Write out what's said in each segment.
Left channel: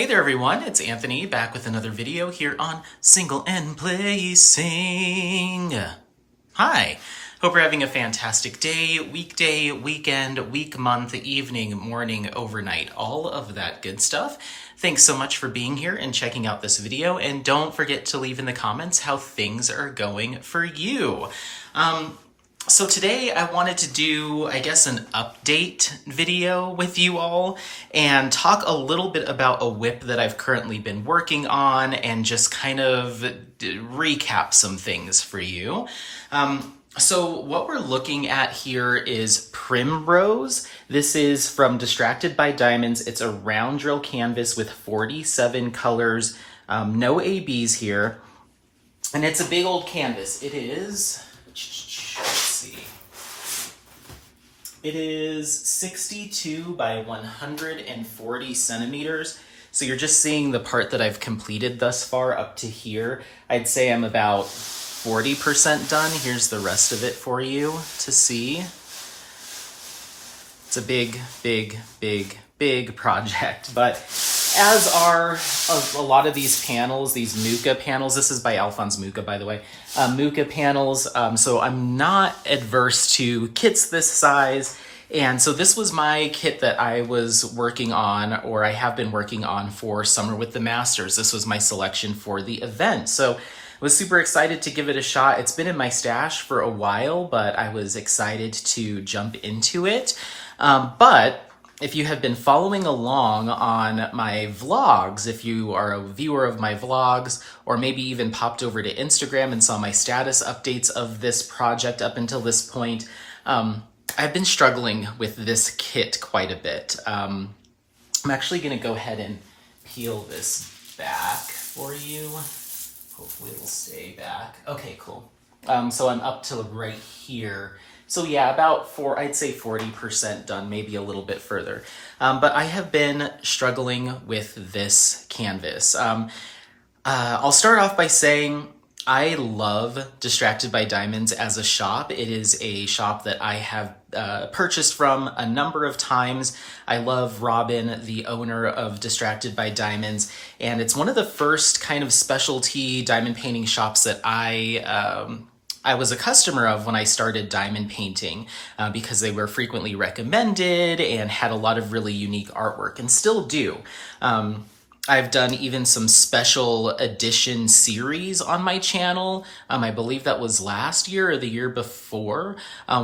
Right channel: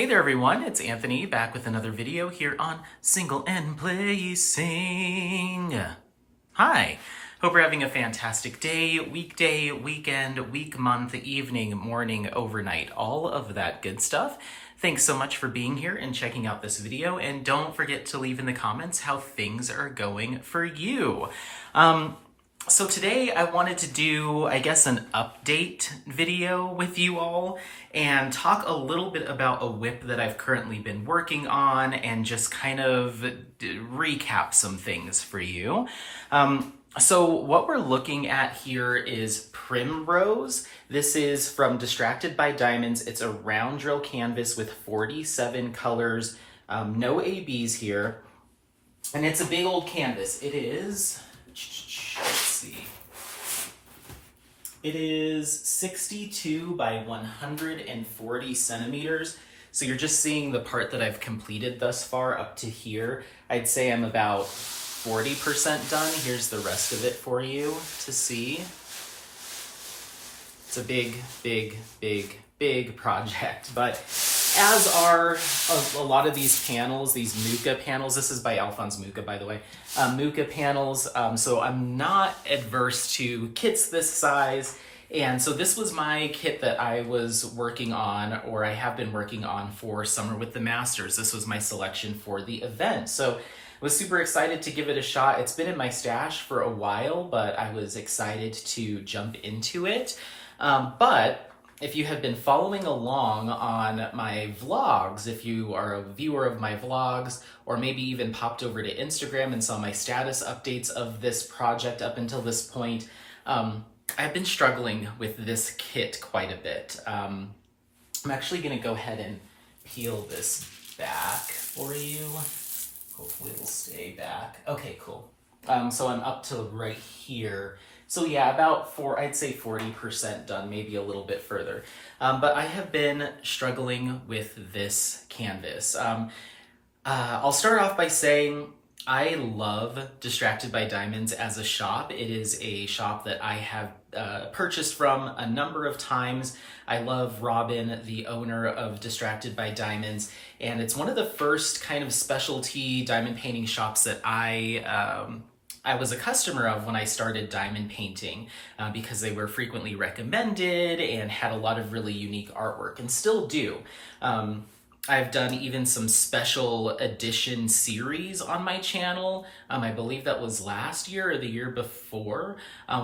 Hey there everyone, it's Anthony back with another video here on Single and Placing. Hi, hope you're having a fantastic day, weekday, weekend, week, month, evening, morning, overnight, all of that good stuff. Thanks so much for being here and checking out this video, and don't forget to leave in the comments how things are going for you. So today I wanted to do, I guess, an update video with you all and talk a little bit about a whip that I've currently been working on and just kind of recap some things for you. So what we're looking at here is Primrose. This is from Distracted by Diamonds. It's a round drill canvas with 47 colors, no ABs here. And it's a big old canvas. It is... Let's see. It is 62 by 140 centimeters. So you're just seeing the part that I've completed thus far up to here. I'd say I'm about 40% done. Here's the rest of it for you to see. It's a big project, but as are a lot of these panels, these Mucha panels. This is by Alphonse Mucha, by the way. Mucha panels, so I'm not adverse to kits this size. And so this was my kit that I was working on, or I have been working on for Summer with the Masters. This was my selection for the event. So I was super excited to give it a shot. It's been in my stash for a while, but I was excited to jump into it. But if you have been following along on my vlogs, if you are a viewer of my vlogs, or maybe even popped over to Instagram and saw my status updates of this project up until this point, I've been struggling with this kit quite a bit. I'm actually gonna go ahead and peel this back for you. Hopefully it'll stay back. Okay, cool. So I'm up to right here. So yeah, about I'd say 40% done, maybe a little bit further. But I have been struggling with this canvas. I'll start off by saying I love Distracted by Diamonds as a shop. It is a shop that I have purchased from a number of times. I love Robin, the owner of Distracted by Diamonds, and it's one of the first kind of specialty diamond painting shops that I was a customer of when I started diamond painting because they were frequently recommended and had a lot of really unique artwork, and still do. I've done even some special edition series on my channel. I believe that was last year or the year before,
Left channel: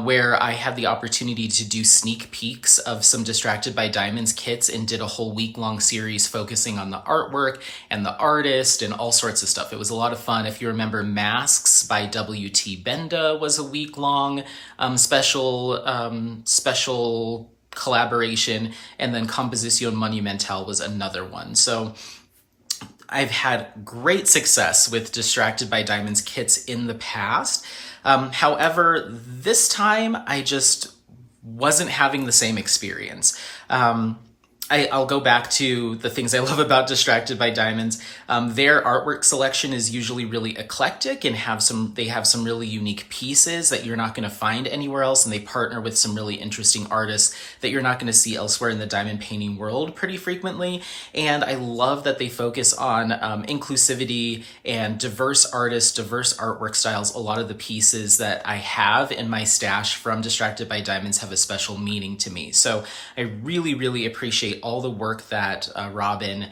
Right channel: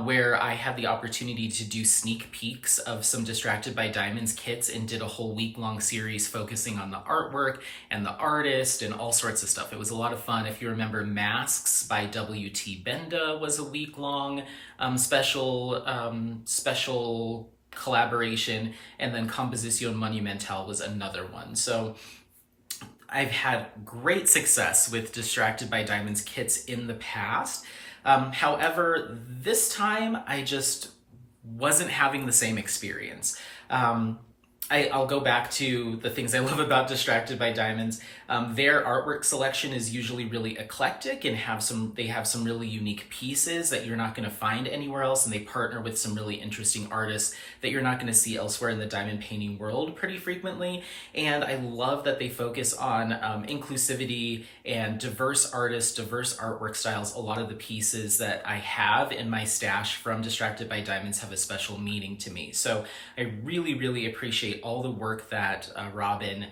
where I had the opportunity to do sneak peeks of some Distracted by Diamonds kits and did a whole week-long series focusing on the artwork and the artist and all sorts of stuff. It was a lot of fun. If you remember, Masks by W.T. Benda was a week-long special collaboration, and then Composición Monumental was another one. So I've had great success with Distracted by Diamonds kits in the past. However, this time I just wasn't having the same experience. I'll go back to the things I love about Distracted by Diamonds. Their artwork selection is usually really eclectic and they have some really unique pieces that you're not going to find anywhere else, and they partner with some really interesting artists that you're not going to see elsewhere in the diamond painting world pretty frequently. And I love that they focus on inclusivity and diverse artists, diverse artwork styles. A lot of the pieces that I have in my stash from Distracted by Diamonds have a special meaning to me. So I really appreciate all the work that Robin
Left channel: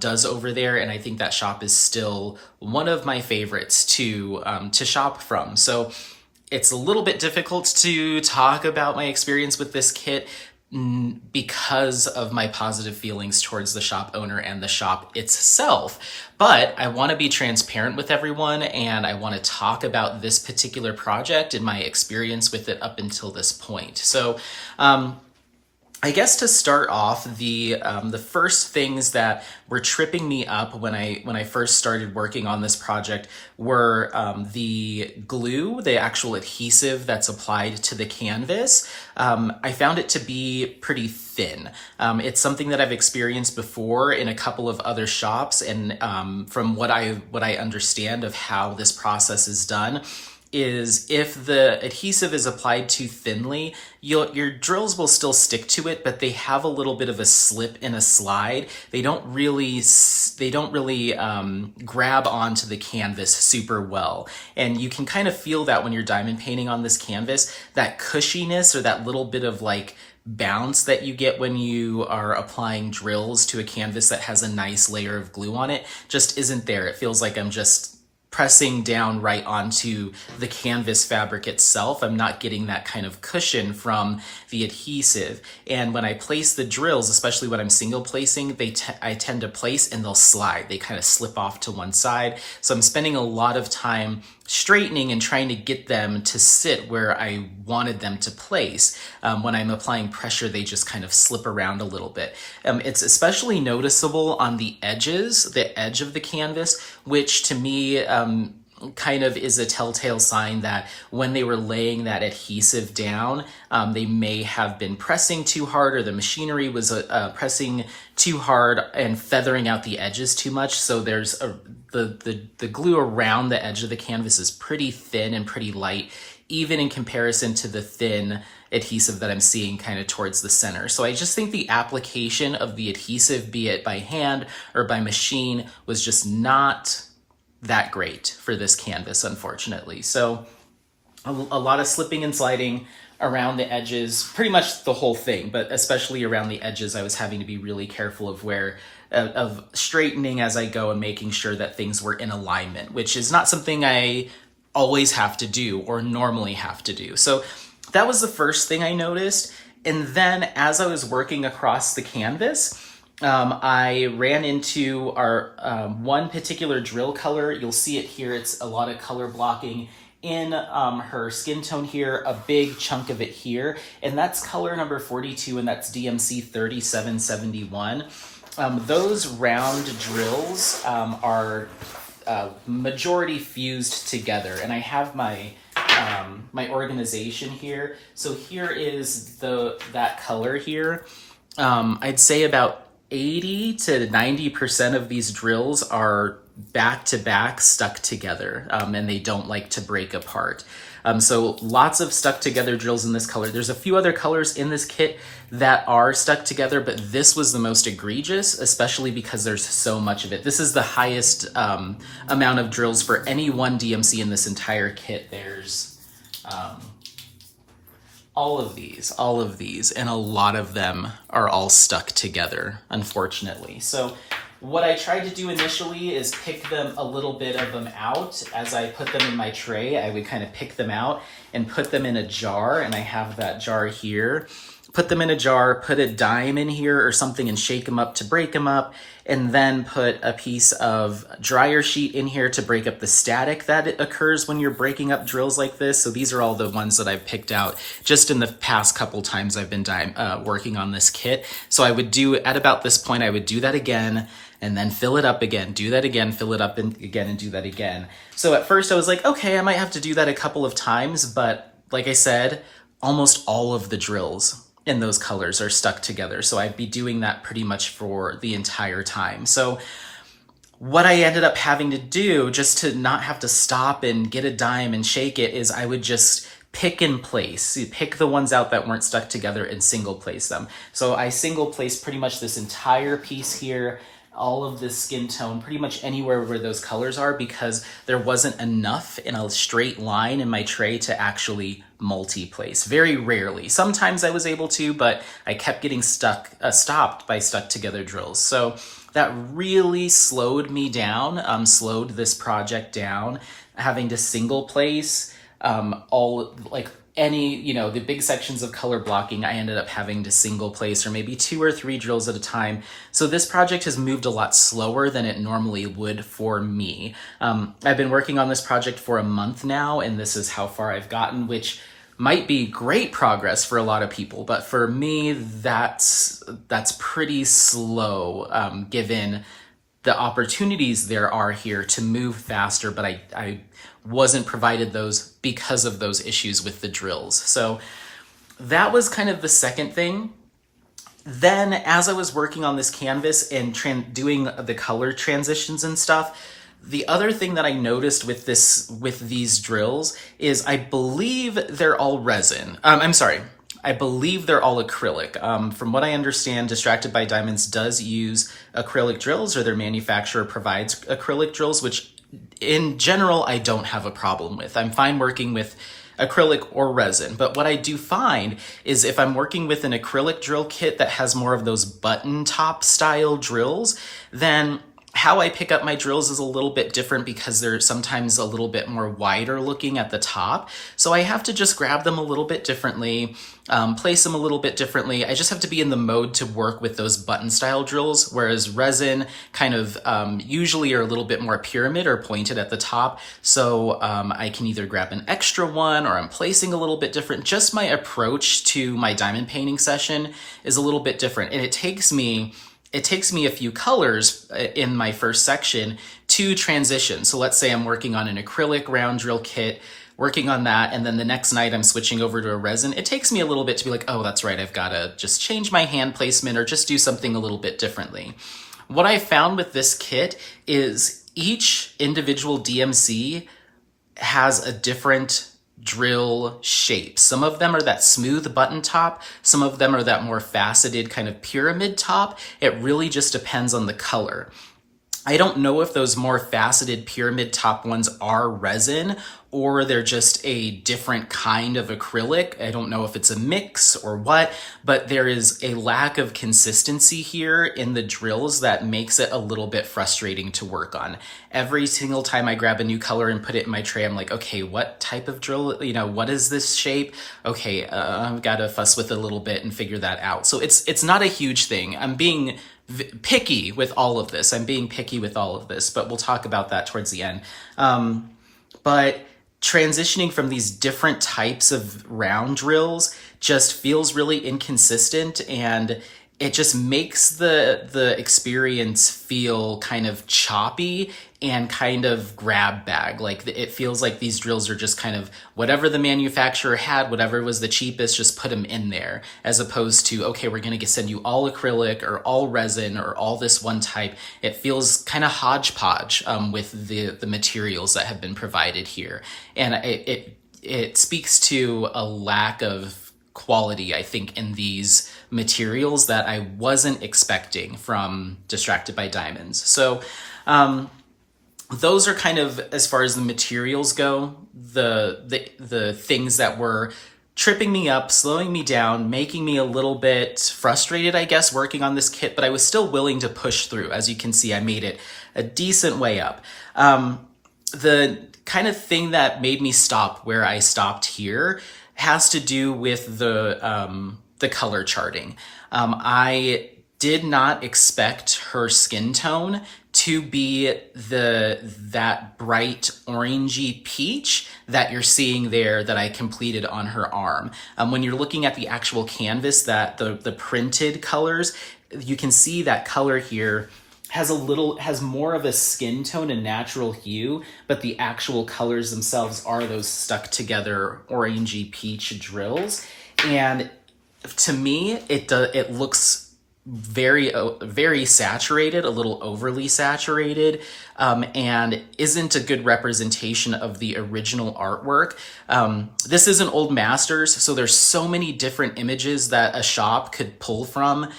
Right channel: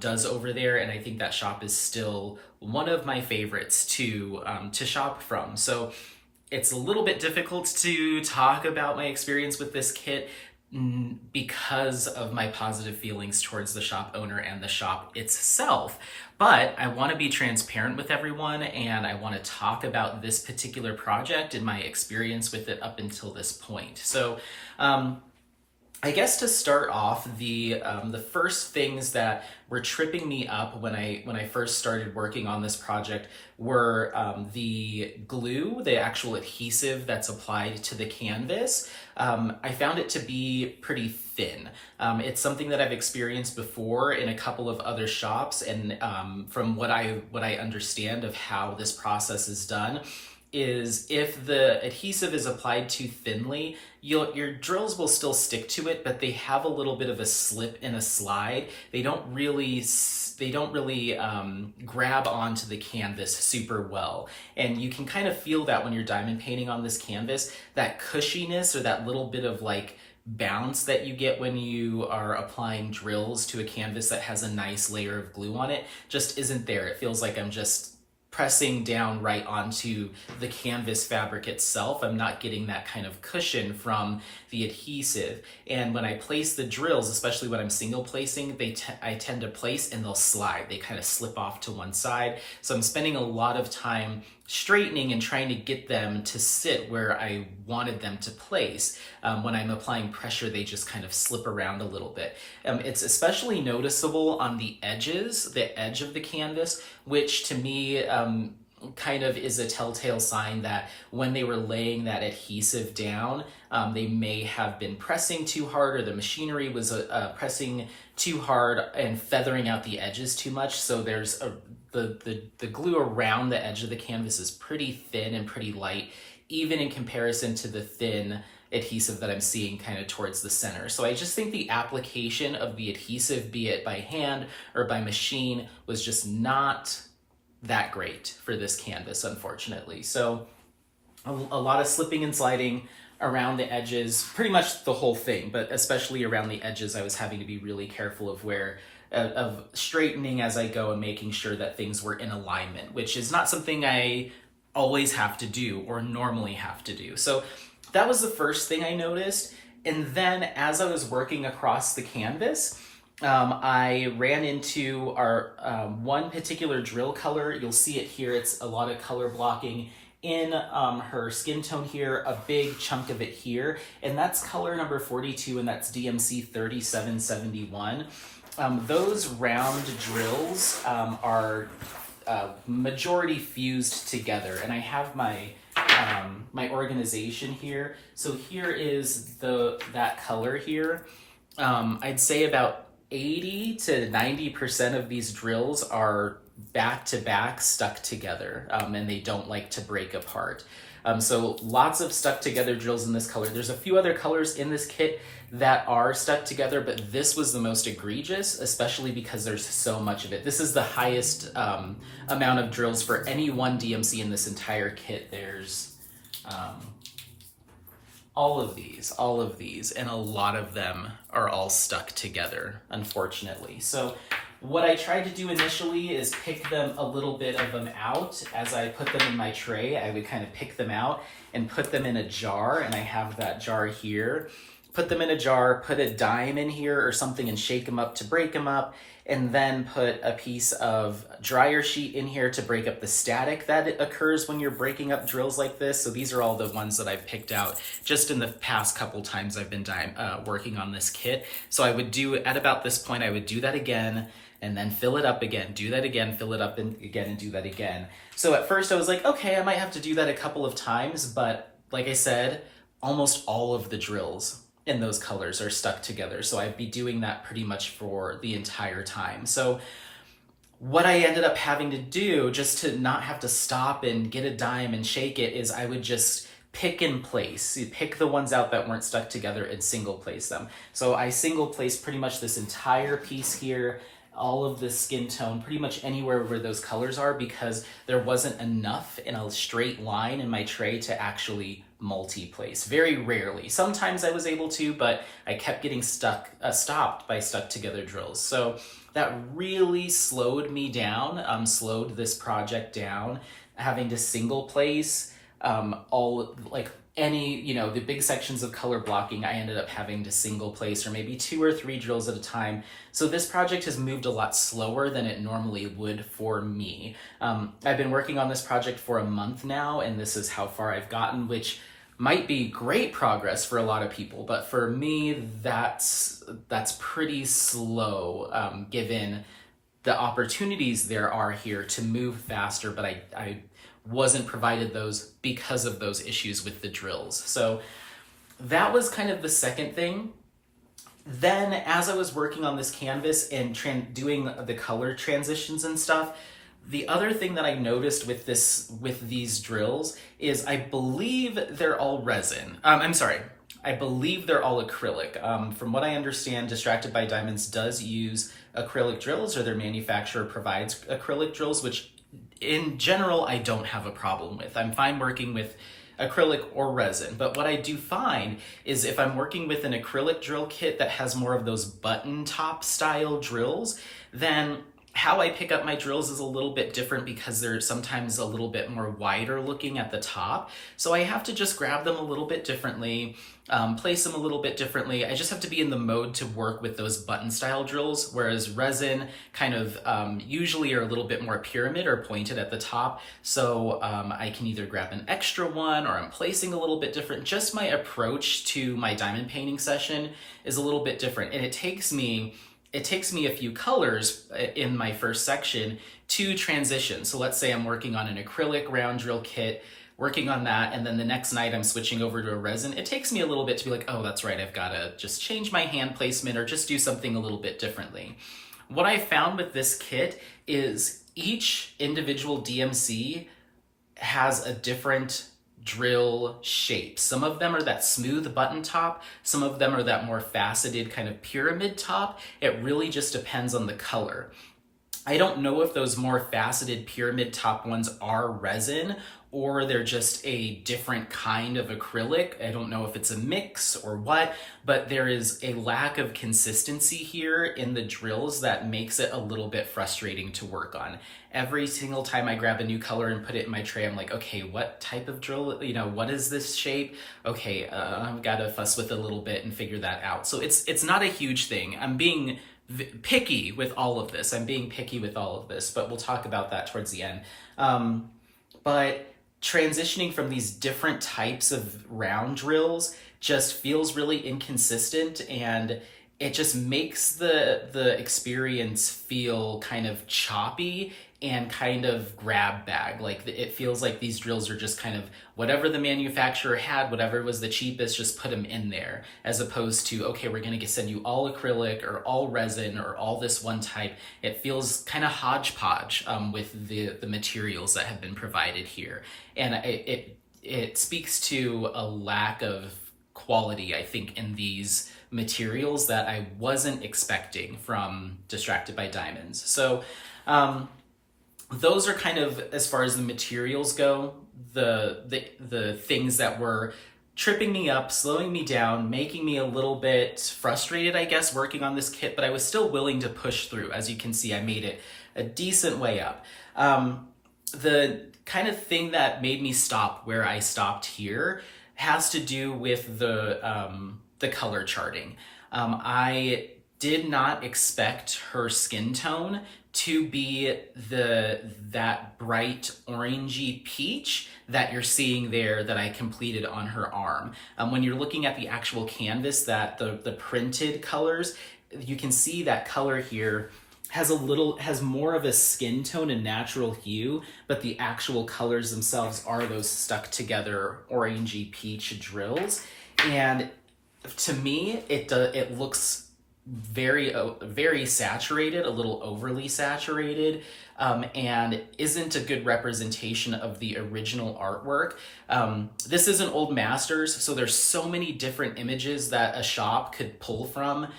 does over there, and I think that shop is still one of my favorites to shop from. So it's a little bit difficult to talk about my experience with this kit because of my positive feelings towards the shop owner and the shop itself. But I want to be transparent with everyone, and I want to talk about this particular project and my experience with it up until this point. So I guess to start off, the first things that were tripping me up when I first started working on this project were the glue, the actual adhesive that's applied to the canvas. I found it to be pretty thin. It's something that I've experienced before in a couple of other shops, and from what I understand of how this process is done, is if the adhesive is applied too thinly, your drills will still stick to it, but they have a little bit of a slip and a slide. They don't really grab onto the canvas super well. And you can kind of feel that when you're diamond painting on this canvas, that cushiness or that little bit of like bounce that you get when you are applying drills to a canvas that has a nice layer of glue on it just isn't there. It feels like I'm just pressing down right onto the canvas fabric itself. I'm not getting that kind of cushion from the adhesive. And when I place the drills, especially when I'm single placing, I tend to place and they'll slide. They kind of slip off to one side. So I'm spending a lot of time straightening and trying to get them to sit where I wanted them to place. When I'm applying pressure, they just kind of slip around a little bit. It's especially noticeable on the edges, the edge of the canvas, which to me kind of is a telltale sign that when they were laying that adhesive down, they may have been pressing too hard, or the machinery was pressing too hard and feathering out the edges too much. So there's the glue around the edge of the canvas is pretty thin and pretty light, even in comparison to the thin adhesive that I'm seeing kind of towards the center. So I just think the application of the adhesive, be it by hand or by machine, was just not that great for this canvas, unfortunately. So a lot of slipping and sliding around the edges, pretty much the whole thing, but especially around the edges, I was having to be really careful of straightening as I go and making sure that things were in alignment, which is not something I always have to do or normally have to do. So that was the first thing I noticed. And then as I was working across the canvas, I ran into our one particular drill color. You'll see it here. It's a lot of color blocking in her skin tone here, a big chunk of it here. And that's color number 42, and that's DMC 3771. Those round drills are majority fused together. And I have my my organization here. So here is that color here. I'd say about 80 to 90% of these drills are back to back stuck together, and they don't like to break apart. So lots of stuck together drills in this color. There's a few other colors in this kit that are stuck together, but this was the most egregious, especially because there's so much of it. This is the highest amount of drills for any one DMC in this entire kit. There's all of these, and a lot of them are all stuck together, unfortunately. So what I tried to do initially is pick them, a little bit of them out. As I put them in my tray, I would kind of pick them out and put them in a jar, and I have that jar here. Put them in a jar, put a dime in here or something and shake them up to break them up, and then put a piece of dryer sheet in here to break up the static that occurs when you're breaking up drills like this. So these are all the ones that I've picked out just in the past couple times I've been working on this kit. So I would do, at about this point, I would do that again, and then fill it up again, do that again, fill it up again, and do that again. So at first I was like, okay, I might have to do that a couple of times, but like I said, almost all of the drills in those colors are stuck together. So I'd be doing that pretty much for the entire time. So what I ended up having to do, just to not have to stop and get a dime and shake it, is I would just pick and place. You pick the ones out that weren't stuck together and single place them. So I single placed pretty much this entire piece here, all of this skin tone, pretty much anywhere where those colors are, because there wasn't enough in a straight line in my tray to actually multi-place. Very rarely. Sometimes I was able to, but I kept getting stopped by stuck together drills. So that really slowed me down, slowed this project down, having to single place the big sections of color blocking. I ended up having to single place, or maybe 2 or 3 drills at a time. So this project has moved a lot slower than it normally would for me. I've been working on this project for a month now, and this is how far I've gotten, which might be great progress for a lot of people, but for me, that's pretty slow, given the opportunities there are here to move faster, but I wasn't provided those because of those issues with the drills. So that was kind of the second thing. Then as I was working on this canvas and doing the color transitions and stuff, The other thing that I noticed with these drills is I believe they're all resin. I'm sorry. I believe they're all acrylic. From what I understand, Distracted by Diamonds does use acrylic drills, or their manufacturer provides acrylic drills, which in general I don't have a problem with. I'm fine working with acrylic or resin. But what I do find is if I'm working with an acrylic drill kit that has more of those button top style drills, then how I pick up my drills is a little bit different because they're sometimes a little bit more wider looking at the top. So I have to just grab them a little bit differently, place them a little bit differently. I just have to be in the mode to work with those button style drills, whereas resin kind of usually are a little bit more pyramid or pointed at the top. So I can either grab an extra one, or I'm placing a little bit different. Just my approach to my diamond painting session is a little bit different, and it takes me a few colors in my first section to transition. So let's say I'm working on an acrylic round drill kit, working on that, and then the next night I'm switching over to a resin. It takes me a little bit to be like, oh, that's right, I've got to just change my hand placement or just do something a little bit differently. What I found with this kit is each individual DMC has a different drill shape. Some of them are that smooth button top, some of them are that more faceted kind of pyramid top. It really just depends on the color. I don't know if those more faceted pyramid top ones are resin or they're just a different kind of acrylic. I don't know if it's a mix or what, but there is a lack of consistency here in the drills that makes it a little bit frustrating to work on. Every single time I grab a new color and put it in my tray, I'm like, okay, what type of drill, what is this shape? Okay, I've got to fuss with it a little bit and figure that out. So it's not a huge thing. I'm being picky with all of this. But we'll talk about that towards the end. But transitioning from these different types of round drills just feels really inconsistent, and it just makes the experience feel kind of choppy and kind of grab bag. Like it feels like these drills are just kind of whatever the manufacturer had, whatever was the cheapest, just put them in there, as opposed to, okay, we're going to send you all acrylic or all resin or all this one type. It feels kind of hodgepodge with the materials that have been provided here. And it speaks to a lack of quality, I think, in these materials that I wasn't expecting from Distracted by Diamonds. So those are kind of, as far as the materials go, the things that were tripping me up, slowing me down, making me a little bit frustrated, I guess, working on this kit, but I was still willing to push through. As you can see, I made it a decent way up. The kind of thing that made me stop where I stopped here has to do with the color charting. I did not expect her skin tone to be that bright orangey peach that you're seeing there that I completed on her arm. When you're looking at the actual canvas, that the printed colors, you can see that color here has more of a skin tone, a natural hue, but the actual colors themselves are those stuck together orangey peach drills. And to me, it looks very saturated, a little overly saturated, and isn't a good representation of the original artwork. This isn't Old Masters, so there's so many different images that a shop could pull from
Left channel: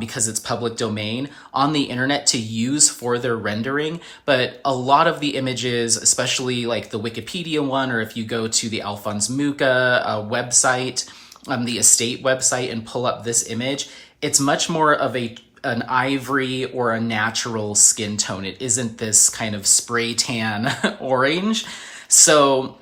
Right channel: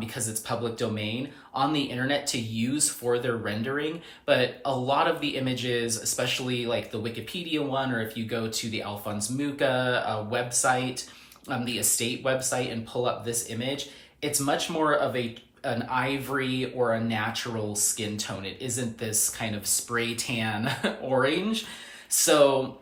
because it's public domain on the internet to use for their rendering. But a lot of the images, especially like the Wikipedia one, or if you go to the Alphonse Mucha website, the estate website, and pull up this image, it's much more of an ivory or a natural skin tone. It isn't this kind of spray tan orange. So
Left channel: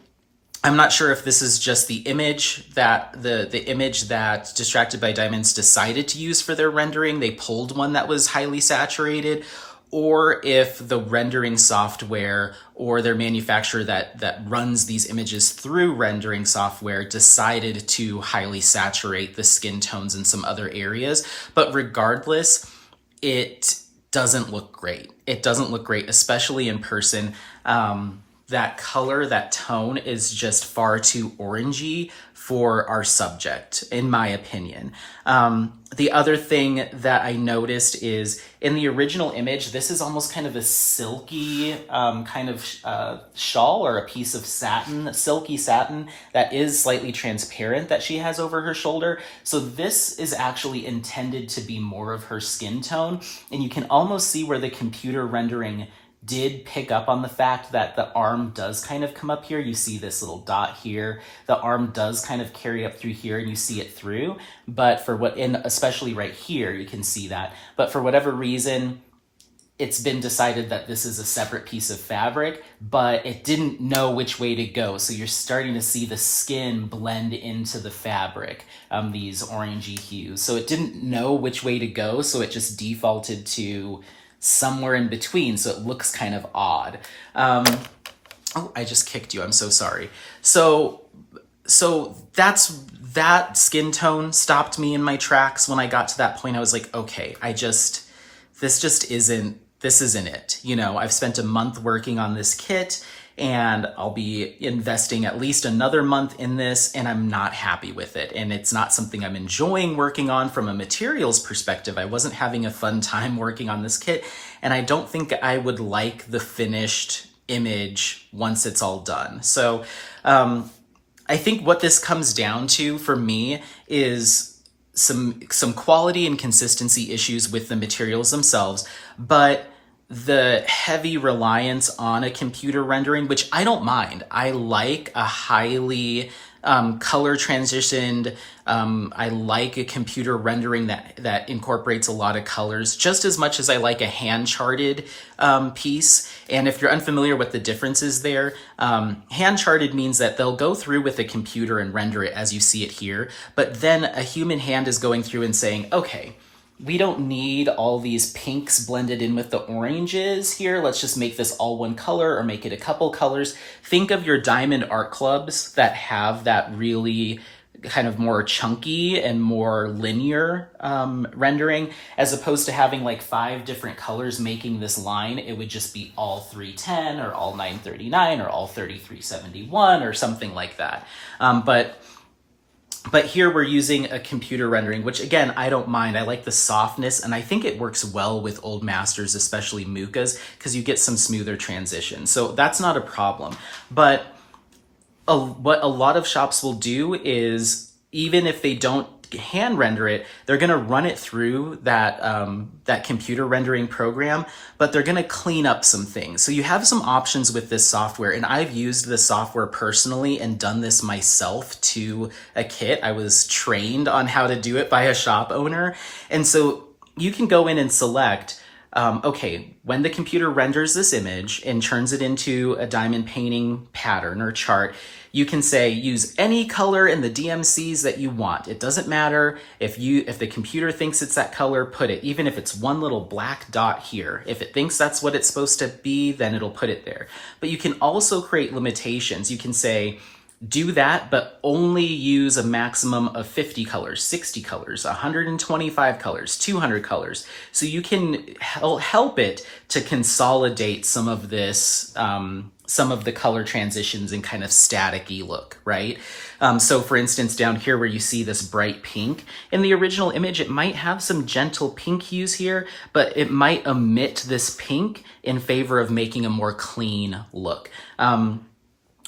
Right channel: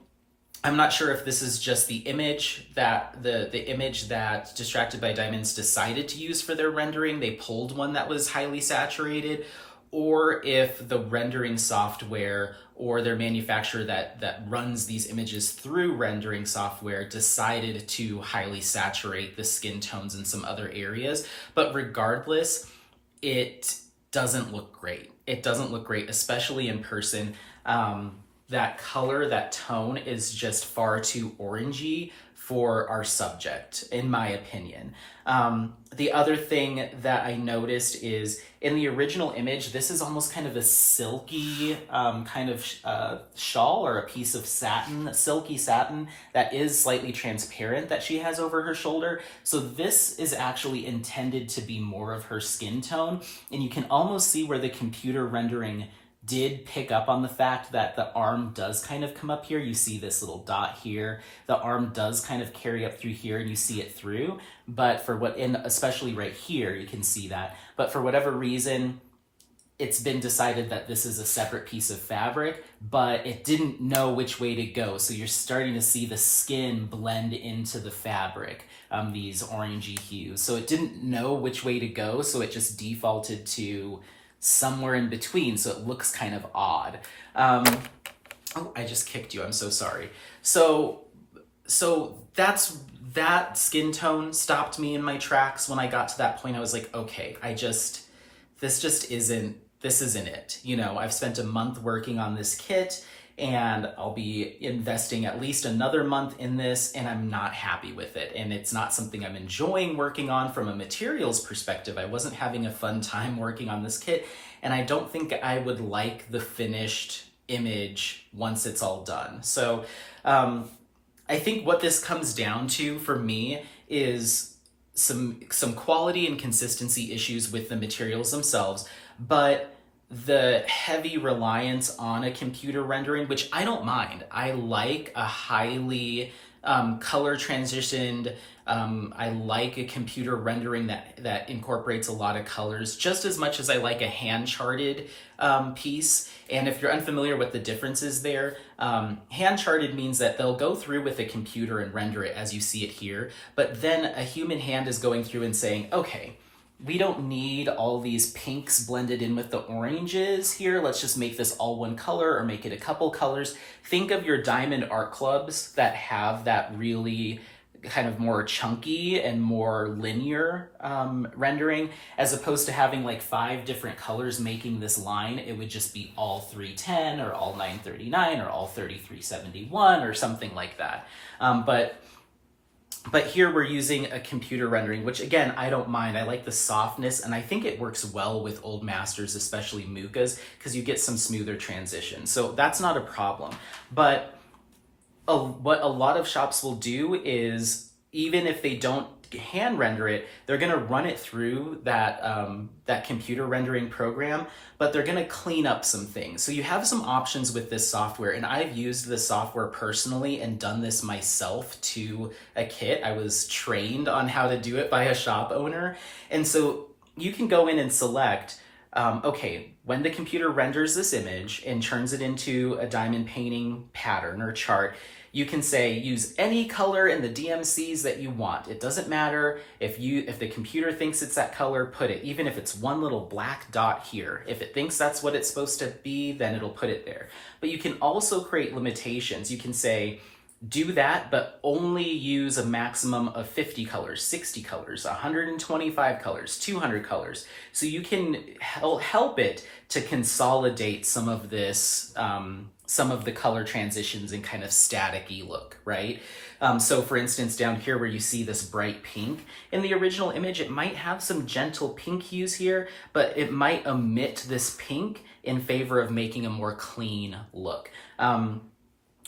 I'm not sure if this is just the image that the image that Distracted by Diamonds decided to use for their rendering. They pulled one that was highly saturated, or if the rendering software or their manufacturer that runs these images through rendering software decided to highly saturate the skin tones in some other areas. But regardless, it doesn't look great. It doesn't look great, especially in person. that color, that tone is just far too orangey for our subject, in my opinion. The other thing that I noticed is in the original image, this is almost kind of a silky kind of shawl or a piece of satin, silky satin that is slightly transparent that she has over her shoulder. So this is actually intended to be more of her skin tone. And you can almost see where the computer rendering did pick up on the fact that the arm does kind of come up here. You see this little dot here. The arm does kind of carry up through here and you see it through. But for what, in especially right here, you can see that. But for whatever reason, it's been decided that this is a separate piece of fabric, but it didn't know which way to go. So you're starting to see the skin blend into the fabric, these orangey hues. So it didn't know which way to go, so it just defaulted to somewhere in between, so it looks kind of odd. Oh, I just kicked you, I'm so sorry. So that skin tone stopped me in my tracks. When I got to that point, I was like, okay, this isn't it. You know, I've spent a month working on this kit and I'll be investing at least another month in this and I'm not happy with it. And it's not something I'm enjoying working on from a materials perspective. I wasn't having a fun time working on this kit and I don't think I would like the finished image once it's all done. So I think what this comes down to for me is some quality and consistency issues with the materials themselves, but the heavy reliance on a computer rendering, which I don't mind. I like a highly color transitioned, I like a computer rendering that incorporates a lot of colors just as much as I like a hand charted piece. And if you're unfamiliar with the differences there, hand charted means that they'll go through with a computer and render it as you see it here, but then a human hand is going through and saying, okay, we don't need all these pinks blended in with the oranges here. Let's just make this all one color or make it a couple colors. Think of your diamond art clubs that have that really kind of more chunky and more linear rendering, as opposed to having like 5 different colors making this line. It would just be all 310 or all 939 or all 3371 or something like that. But here we're using a computer rendering, which again, I don't mind. I like the softness and I think it works well with old masters, especially Muchas, because you get some smoother transition. So that's not a problem. But what a lot of shops will do is, even if they don't hand render it, they're going to run it through that computer rendering program, but they're going to clean up some things. So you have some options with this software, and I've used this software personally and done this myself to a kit. I was trained on how to do it by a shop owner. And so you can go in and select, okay, when the computer renders this image and turns it into a diamond painting pattern or chart, you can say use any color in the DMCs that you want. It doesn't matter if the computer thinks it's that color, put it, even if it's one little black dot here. If it thinks that's what it's supposed to be, then it'll put it there. But you can also create limitations. You can say, do that, but only use a maximum of 50 colors, 60 colors, 125 colors, 200 colors. So you can help it to consolidate some of this, some of the color transitions and kind of static-y look, right? So for instance, down here where you see this bright pink, in the original image, it might have some gentle pink hues here, but it might omit this pink in favor of making a more clean look.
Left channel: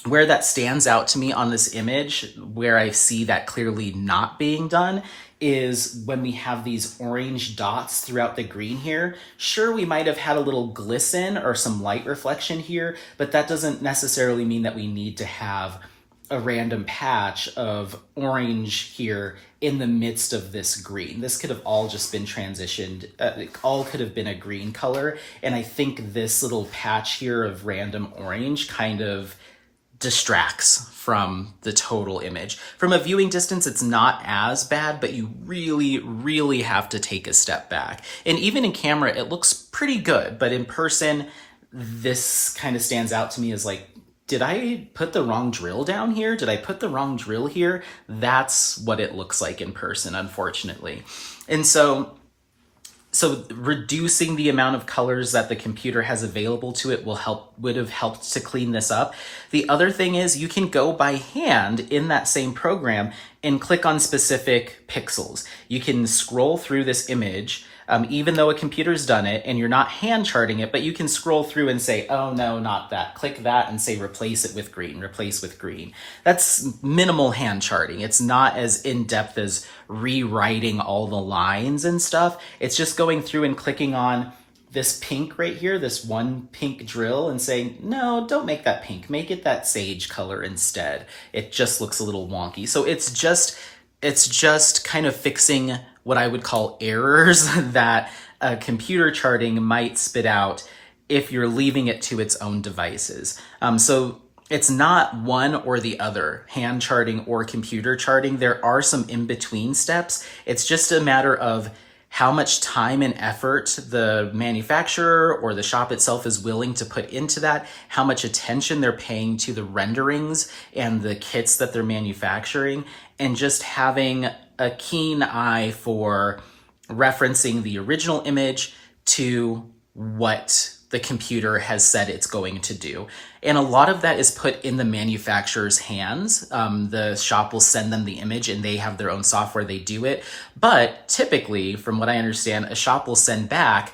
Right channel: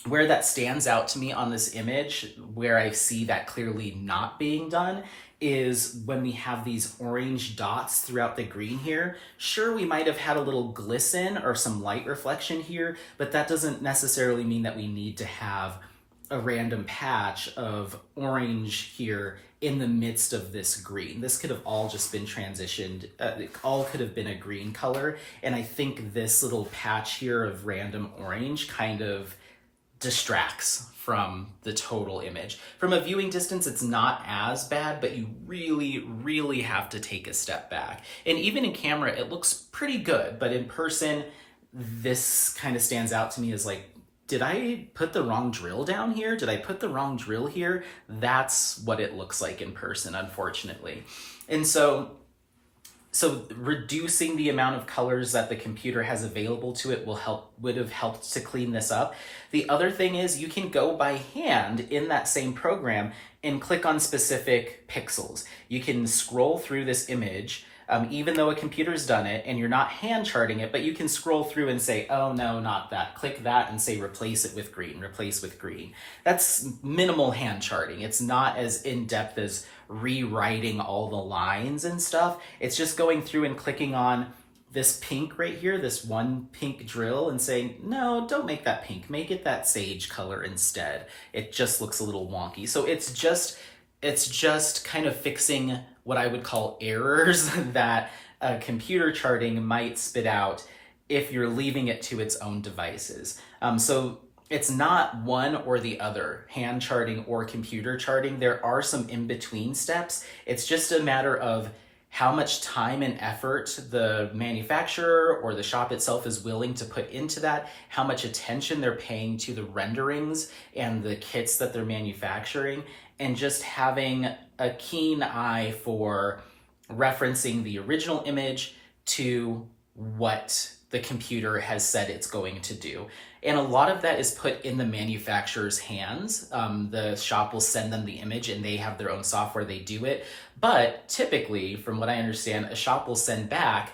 Where that stands out to me on this image, where I see that clearly not being done, is when we have these orange dots throughout the green here. Sure, we might have had a little glisten or some light reflection here, but that doesn't necessarily mean that we need to have a random patch of orange here in the midst of this green. This could have all just been transitioned, it all could have been a green color, and I think this little patch here of random orange kind of distracts from the total image. From a viewing distance, it's not as bad, but you really, really have to take a step back. And even in camera, it looks pretty good, but in person, this kind of stands out to me as like, did I put the wrong drill down here? Did I put the wrong drill here? That's what it looks like in person, unfortunately. And so so reducing the amount of colors that the computer has available to it would have helped to clean this up. The other thing is you can go by hand in that same program and click on specific pixels. You can scroll through this image, even though a computer's done it and you're not hand charting it, but you can scroll through and say, oh no, not that. Click that and say replace it with green, replace with green. That's minimal hand charting. It's not as in-depth as rewriting all the lines and stuff. It's just going through and clicking on this pink right here, this one pink drill, and saying, no, don't make that pink, make it that sage color instead. It just looks a little wonky. So it's just kind of fixing what I would call errors that computer charting might spit out if you're leaving it to its own devices. So it's not one or the other, hand charting or computer charting. There are some in-between steps. It's just a matter of how much time and effort the manufacturer or the shop itself is willing to put into that, how much attention they're paying to the renderings and the kits that they're manufacturing, and just having a keen eye for referencing the original image to what the computer has said it's going to do. And a lot of that is put in the manufacturer's hands. The shop will send them the image and they have their own software, they do it. But typically, from what I understand, a shop will send back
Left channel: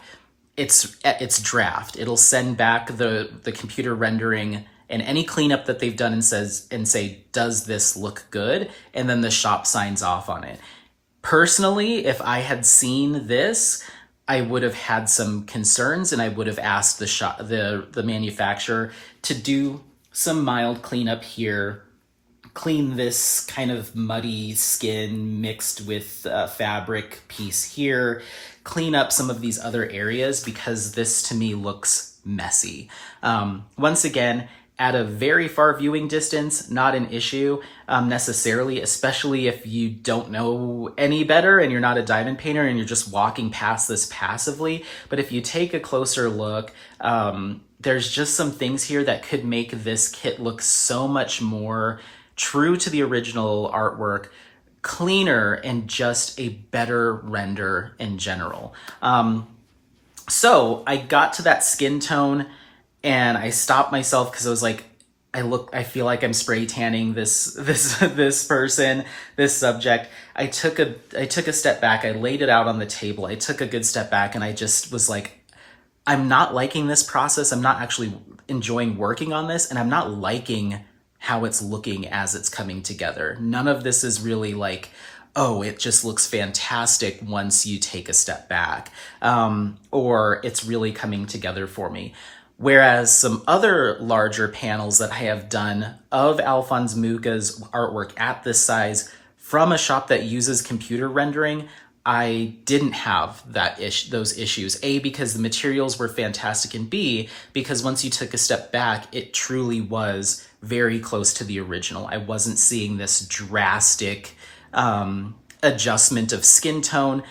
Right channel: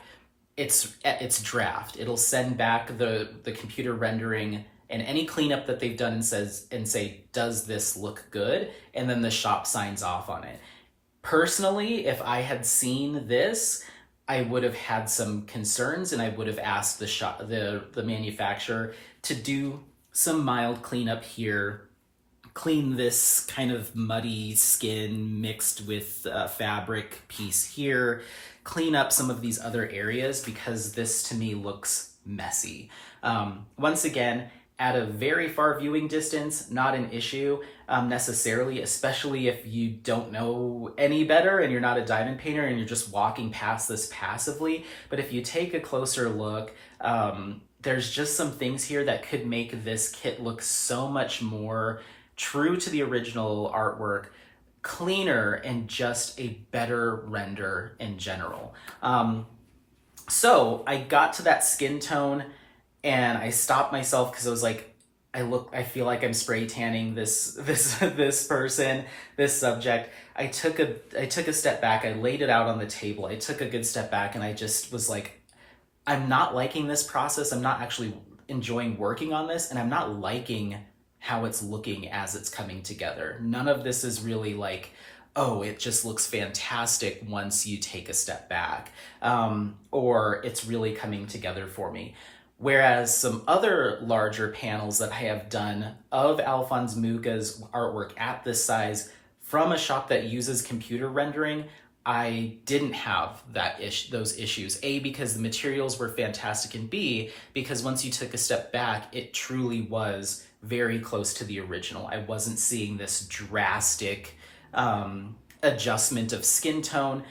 its draft. It'll send back the computer rendering and any cleanup that they've done and say, does this look good? And then the shop signs off on it. Personally, if I had seen this, I would have had some concerns and I would have asked the manufacturer to do some mild cleanup here, clean this kind of muddy skin mixed with fabric piece here, clean up some of these other areas because this to me looks messy. Once again, at a very far viewing distance, not an issue necessarily, especially if you don't know any better and you're not a diamond painter and you're just walking past this passively. But if you take a closer look, there's just some things here that could make this kit look so much more true to the original artwork, cleaner, and just a better render in general. So I got to that skin tone and I stopped myself because I was like, I feel like I'm spray tanning this person, this subject. I took a step back. I laid it out on the table. I took a good step back and I just was like, I'm not liking this process. I'm not actually enjoying working on this, and I'm not liking how it's looking as it's coming together. None of this is really like, oh, it just looks fantastic once you take a step back, or it's really coming together for me. Whereas some other larger panels that I have done of Alphonse Mucha's artwork at this size from a shop that uses computer rendering, I didn't have those issues. A, because the materials were fantastic, and B, because once you took a step back, it truly was very close to the original. I wasn't seeing this drastic adjustment of skin tone.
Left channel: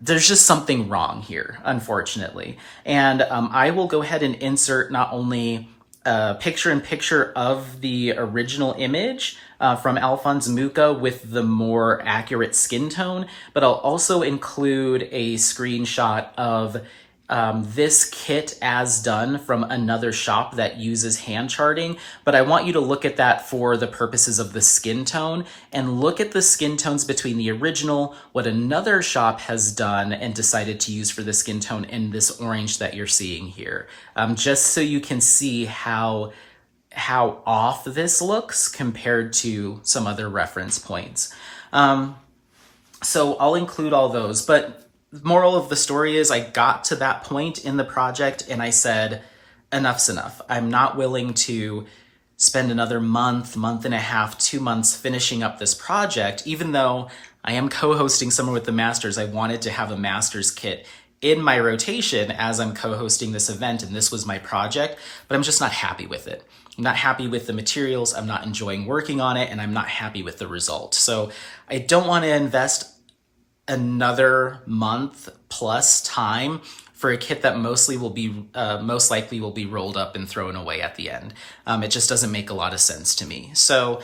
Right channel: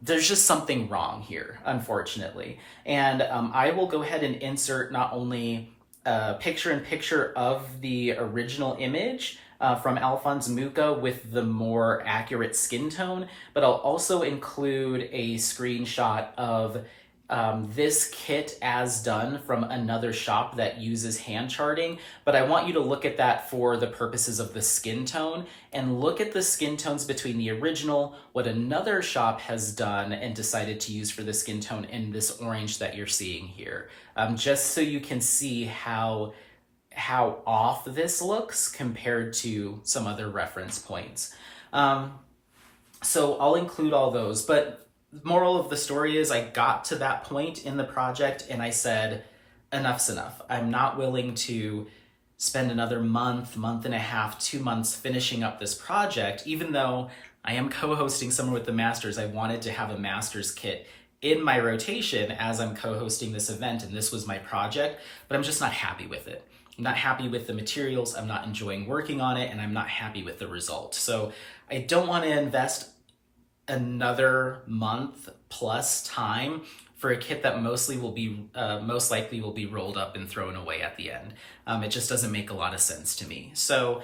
There's just something wrong here, unfortunately. And I will go ahead and insert not only a picture-in-picture of the original image from Alphonse Mucha with the more accurate skin tone, but I'll also include a screenshot of this kit as done from another shop that uses hand charting. But I want you to look at that for the purposes of the skin tone, and look at the skin tones between the original, what another shop has done and decided to use for the skin tone, and this orange that you're seeing here, just so you can see how off this looks compared to some other reference points. So I'll include all those, but moral of the story is I got to that point in the project and I said, enough's enough. I'm not willing to spend another month and a half, 2 months finishing up this project. Even though I am co-hosting Summer with the Masters, I wanted to have a master's kit in my rotation as I'm co-hosting this event, and this was my project, but I'm just not happy with it. I'm not happy with the materials, I'm not enjoying working on it, and I'm not happy with the result. So I don't want to invest another month plus time for a kit that most likely will be rolled up and thrown away at the end. It just doesn't make a lot of sense to me. So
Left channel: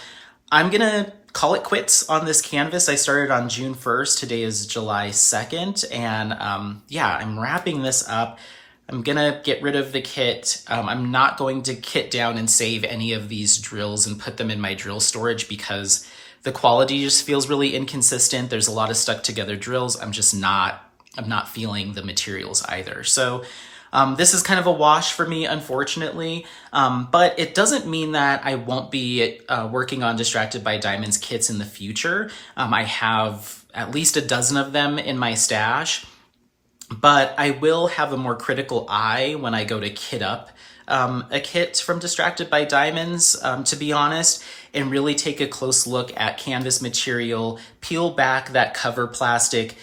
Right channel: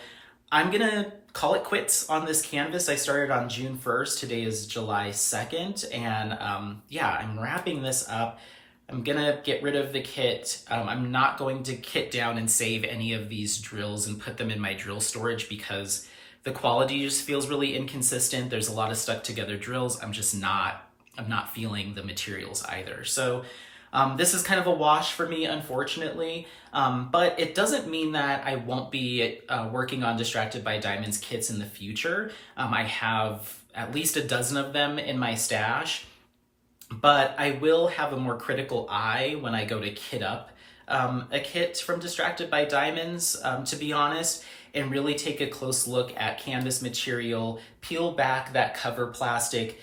I'm gonna call it quits on this canvas. I started on June 1st. Today is July 2nd. And yeah, I'm wrapping this up. I'm gonna get rid of the kit. I'm not going to kit down and save any of these drills and put them in my drill storage because the quality just feels really inconsistent. There's a lot of stuck together drills. I'm not feeling the materials either. So this is kind of a wash for me, unfortunately, but it doesn't mean that I won't be working on Distracted by Diamonds kits in the future. I have at least a dozen of them in my stash, but I will have a more critical eye when I go to kit up a kit from Distracted by Diamonds, to be honest, and really take a close look at canvas material, peel back that cover plastic,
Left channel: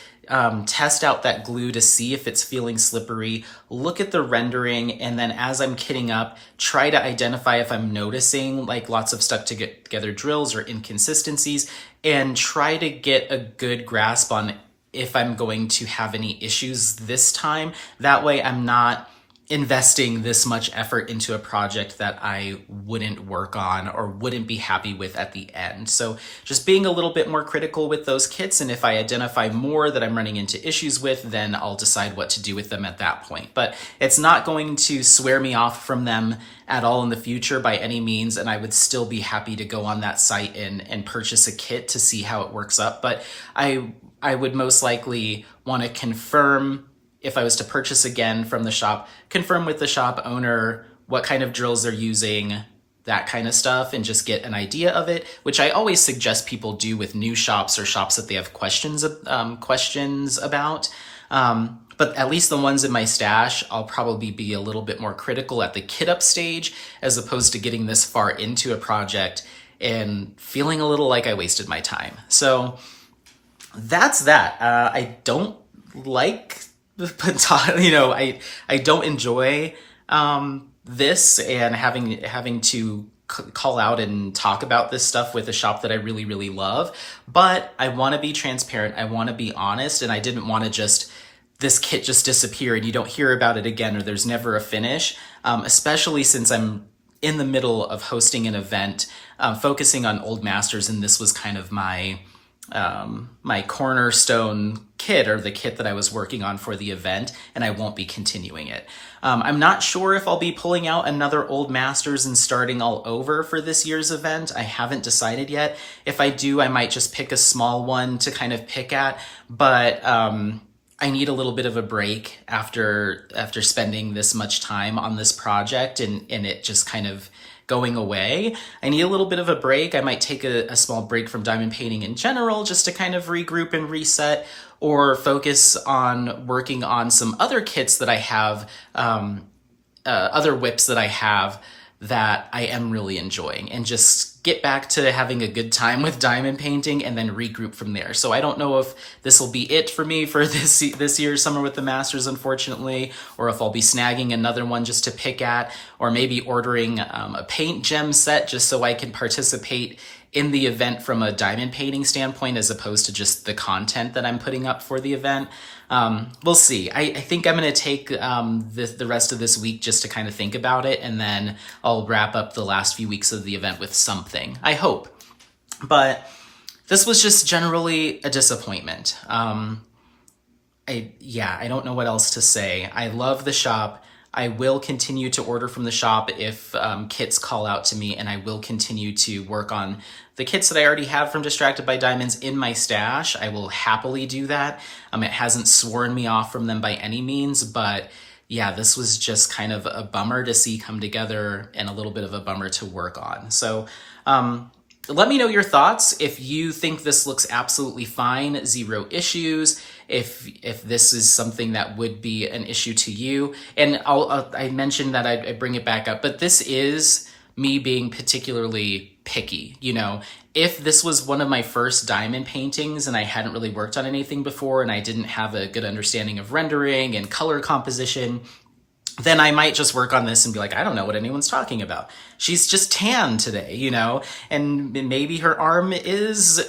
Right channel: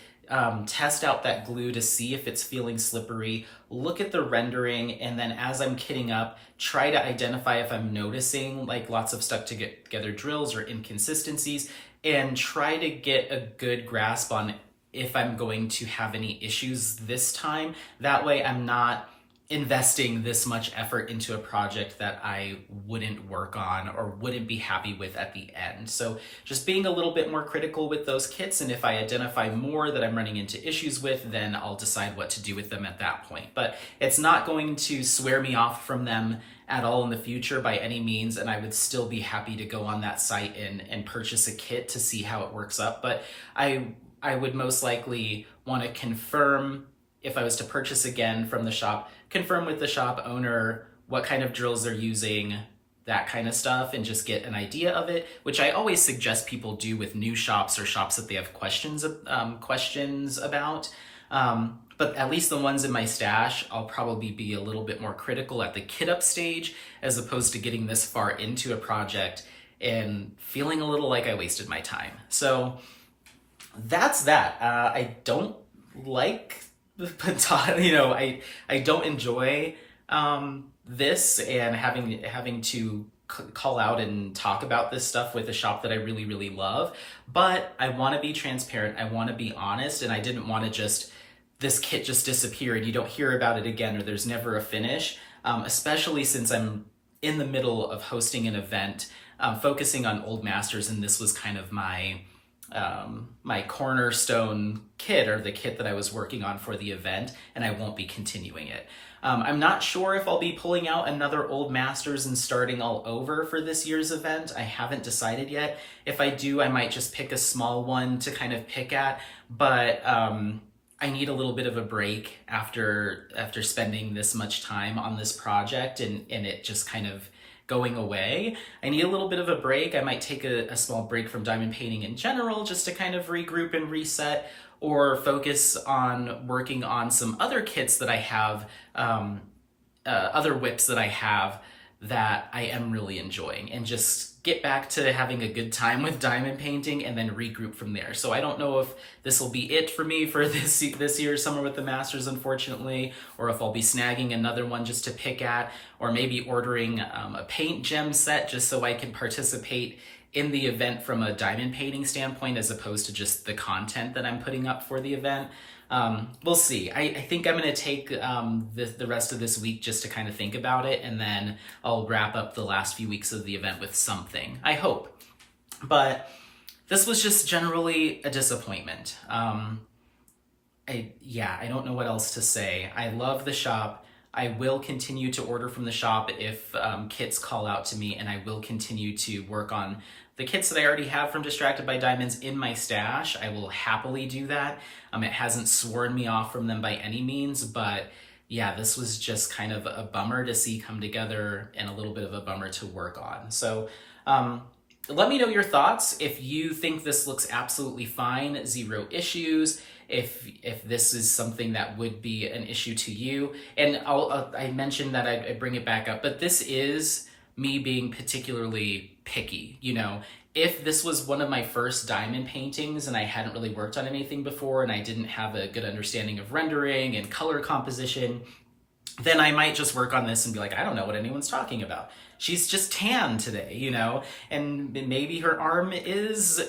test out that glue to see if it's feeling slippery, look at the rendering, and then as I'm kitting up, try to identify if I'm noticing like lots of stuck together drills or inconsistencies, and try to get a good grasp on if I'm going to have any issues this time. That way I'm not investing this much effort into a project that I wouldn't work on or wouldn't be happy with at the end. So just being a little bit more critical with those kits, and if I identify more that I'm running into issues with, then I'll decide what to do with them at that point. But it's not going to swear me off from them at all in the future by any means, and I would still be happy to go on that site and purchase a kit to see how it works up. But I would most likely want to confirm, if I was to purchase again from the shop, confirm with the shop owner what kind of drills they're using, that kind of stuff, and just get an idea of it, which I always suggest people do with new shops or shops that they have questions about. But at least the ones in my stash, I'll probably be a little bit more critical at the kit up stage, as opposed to getting this far into a project and feeling a little like I wasted my time. So that's that. I don't like I don't enjoy this, and having to call out and talk about this stuff with a shop that I really, really love. But I want to be transparent. I want to be honest, and I didn't want to just this kit just disappear and you don't hear about it again, or there's never a finish. Especially since I'm in the middle of hosting an event, focusing on old masters, and this was kind of my cornerstone kit, or the kit that I was working on for the event, and I won't be continuing it. I'm not sure if I'll be pulling out another Old Masters and starting all over for this year's event. I haven't decided yet. If I do, I might just pick a small one to kind of pick at, but I need a little bit of a break after spending this much time on this project and it just kind of going away. I need a little bit of a break. I might take a small break from diamond painting in general, just to kind of regroup and reset, or focus on working on some other kits that I have, other whips that I have that I am really enjoying, and just get back to having a good time with diamond painting and then regroup from there. So I don't know if this will be it for me for this year's Summer with the Masters, unfortunately, or if I'll be snagging another one just to pick at, or maybe ordering a paint gem set just so I can participate in the event from a diamond painting standpoint, as opposed to just the content that I'm putting up for the event. We'll see. I think I'm going to take the rest of this week just to kind of think about it, and then I'll wrap up the last few weeks of the event with something, I hope. But this was just generally a disappointment. I don't know what else to say. I love the shop. I will continue to order from the shop if kits call out to me, and I will continue to work on the kits that I already have from Distracted by Diamonds in my stash. I will happily do that. It hasn't sworn me off from them by any means, but yeah, this was just kind of a bummer to see come together, and a little bit of a bummer to work on. So let me know your thoughts. If you think this looks absolutely fine, zero issues, if this is something that would be an issue to you. And I mentioned that I bring it back up, but this is me being particularly picky. If this was one of my first diamond paintings and I hadn't really worked on anything before, and I didn't have a good understanding of rendering and color composition, then I might just work on this and be like, I don't know what anyone's talking about. She's just tan today, and maybe her arm is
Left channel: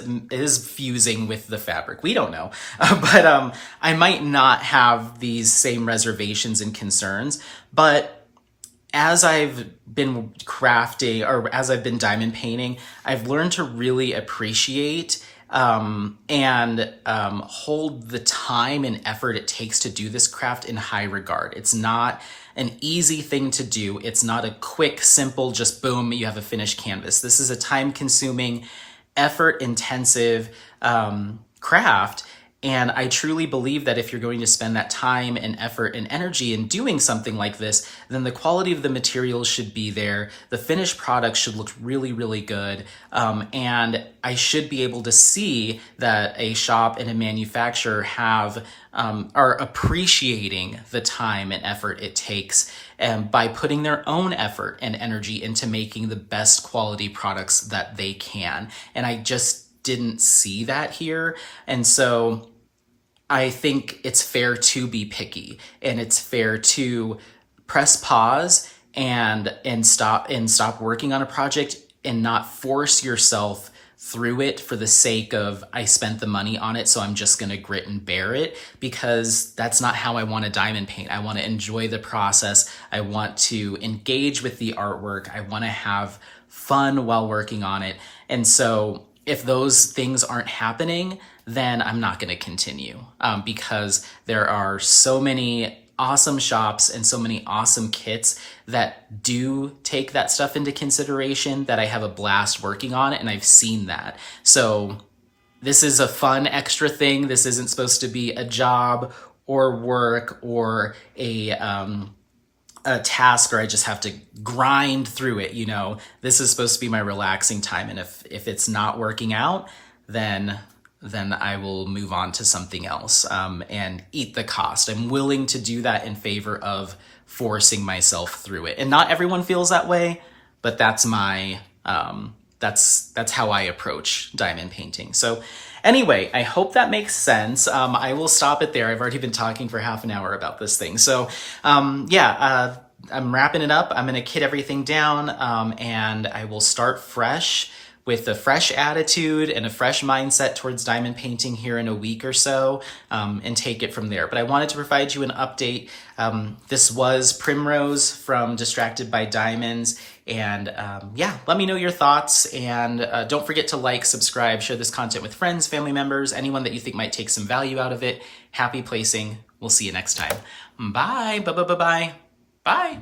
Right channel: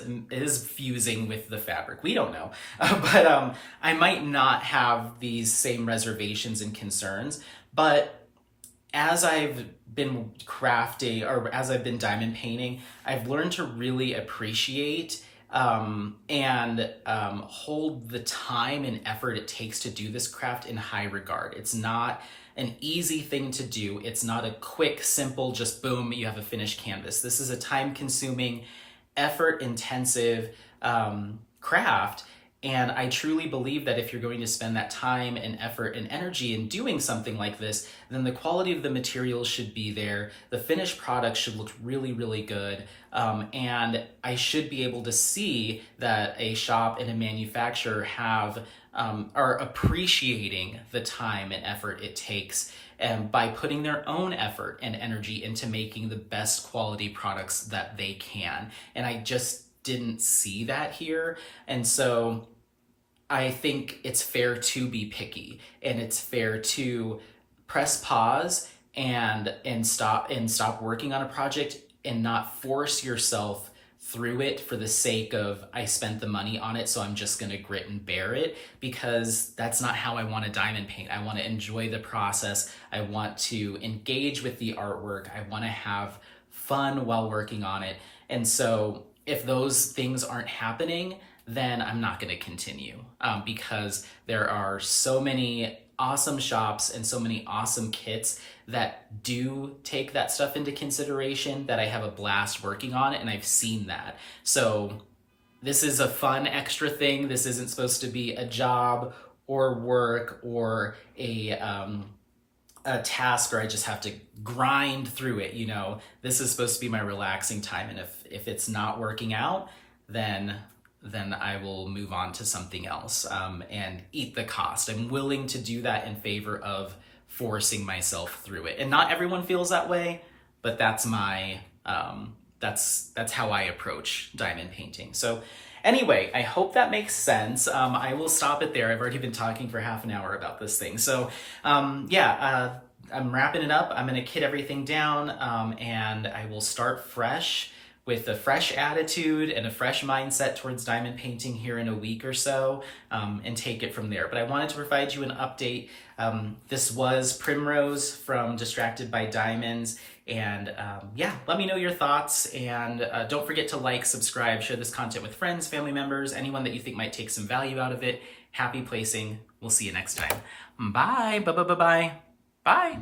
fusing with the fabric. We don't know. But I might not have these same reservations and concerns. But as I've been crafting or as I've been diamond painting, I've learned to really appreciate and hold the time and effort it takes to do this craft in high regard. It's not an easy thing to do. It's not a quick, simple, just boom, you have a finished canvas. This is a time consuming, effort intensive craft. And I truly believe that if you're going to spend that time and effort and energy in doing something like this, then the quality of the materials should be there. The finished product should look really, really good. And I should be able to see that a shop and a manufacturer are appreciating the time and effort it takes and by putting their own effort and energy into making the best quality products that they can. And I just didn't see that here. And so I think it's fair to be picky, and it's fair to press pause and stop working on a project and not force yourself through it for the sake of I spent the money on it, so I'm just going to grit and bear it, because that's not how I want to diamond paint. I want to enjoy the process. I want to engage with the artwork. I want to have fun while working on it. And so if those things aren't happening, then I'm not going to continue because there are so many awesome shops and so many awesome kits that do take that stuff into consideration that I have a blast working on it, and I've seen that. So this is a fun extra thing. This isn't supposed to be a job or work or a task where I just have to grind through it. This is supposed to be my relaxing time, and if it's not working out, then I will move on to something else and eat the cost. I'm willing to do that in favor of forcing myself through it. And not everyone feels that way, but that's my that's how I approach diamond painting. So anyway, I hope that makes sense. I will stop it there. I've already been talking for half an hour about this thing. So I'm wrapping it up. I'm going to kit everything down and I will start fresh with a fresh attitude and a fresh mindset towards diamond painting here in a week or so and take it from there. But I wanted to provide you an update. This was Primrose from Distracted by Diamonds. And let me know your thoughts. And don't forget to like, subscribe, share this content with friends, family members, anyone that you think might take some value out of it. Happy placing. We'll see you next time. Bye. Bye. Bye. Bye. Bye. Bye.